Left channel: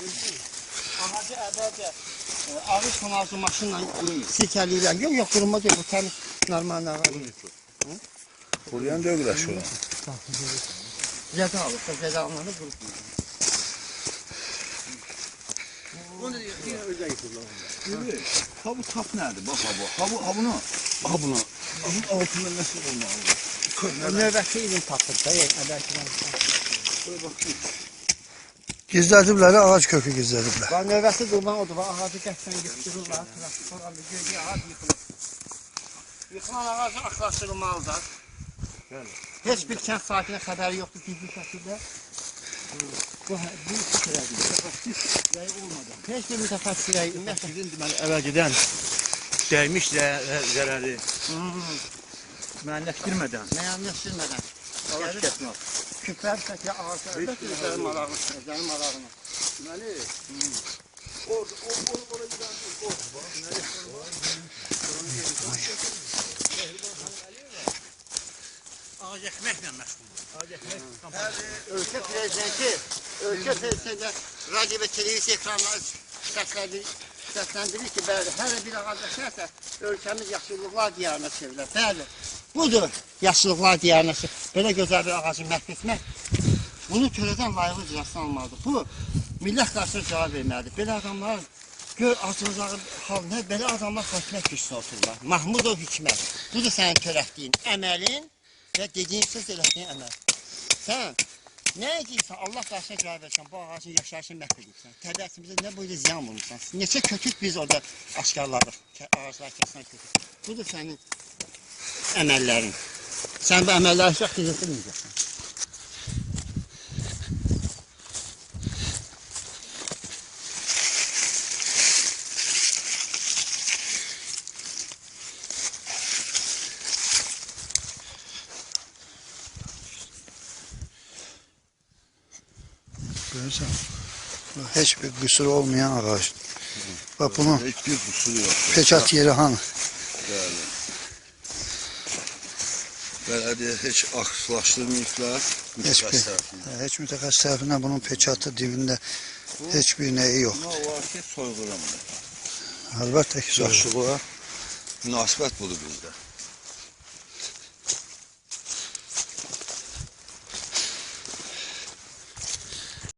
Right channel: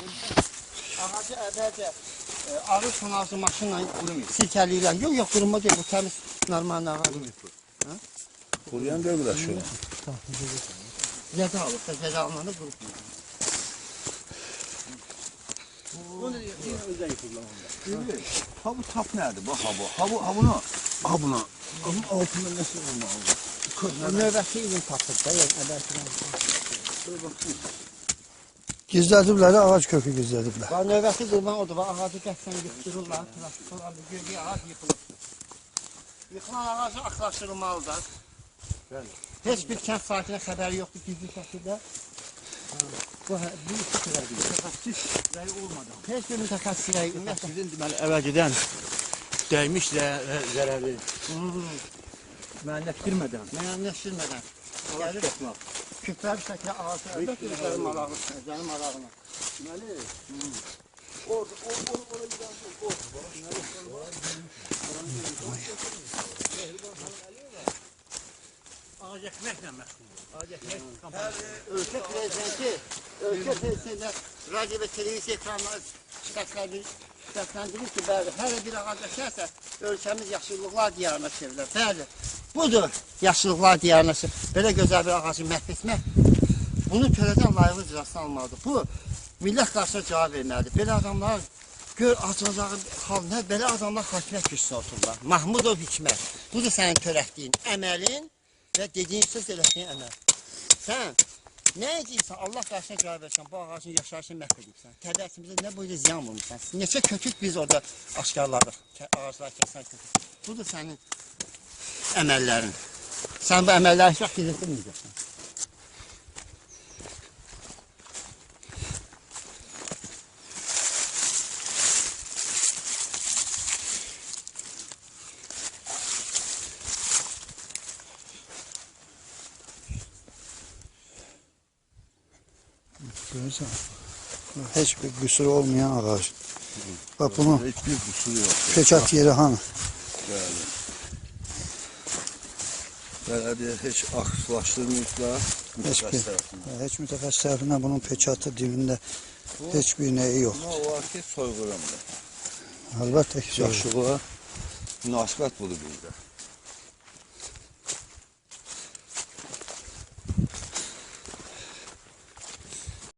Ağacı əvvəlcə ağac tonajlı maşınla silkəliyirlər. Yox, quruma deyil, bu təmiz normal ağac. Kuruyan dövülər şuna. Zədə alıb da, zədə almanı qurutmuyor. Onu deyir, özə yıxırlar onlar. Ha bu tap nədir? Bax ha bu. Ha bunu. Ha bunu. Bunun altında nəsə olmalı? Növbəti ilin tapır da, əvvəlkidən. Gizlədiblər, ağac kökü gizlədiblər. Növbəti qurban odur, ağacı qəsdən yıxdırırlar, traktor alır, gördüyü ağac yıxılır. Yıxılan ağacı axlaşdırılmalıdır. Heç bir kənd sakinə xəbəri yoxdur gizli şəkildə. Bu iki tərəfdir. Mütəxəssis rəyi olmadan. Heç bir mütəxəssis rəyi olmadan. Sizin deməli əvvəlcədən dəymiş zərəri müəyyənləşdirmədən. Müəyyənləşdirmədən. Gəlir, küplər bir şəkildə ağac əlbəttə özlərin marağına. Deməli, orada gidən Ağac əkməklə məşğuldur. Ağac əkmək Ölkə prezidenti radio və televiziya ekranları səsləndirir ki, bəli, hər bir ağac əkərsə ölkəmiz yaşıllıqlar diyarına çevrilir. Bəli, budur yaşıllıqlar diyarına çevrilir. Belə gözəl bir ağacı məhv etmək, bunu törədən layıqlı icrasına almalıdır. Bu, millət qarşısına cavab verməlidir. Belə adamlar, gör acınızağı halına, belə adamlar hakimiyyət gücüsünə otururlar. Mahmudov Hikmət, budur sənin törətdiyin əməlin və dediyin söz elədiyin əməl. Sən nə edirsən, Allah qarşısına cavab versən, bu ağacın yaşayışını məhv edirsən, təbiətimizə nə boyda ziyan vurmuşsan, neçə kötük biz orada aşkarladıq, ağaclar kəsən kötük. Budur sənin əməllərin. Sən bu əməlləri heç vaxt gizlətirməyəcəksən. Görürsən, heç bir qüsuru olmayan ağac. Bax bunun heç bir qüsuru yox. peçat yeri hanı? Bəli. Bələdiyyə heç axlaşdırmayıblar mütəxəssis tərəfindən. Heç mütəxəssis tərəfindən bunun peçatı dibində heç bir nəyi yox. Amma o var ki, soyğuramdır. Əlbəttə ki, Yaşlığa münasibət budur bizdə.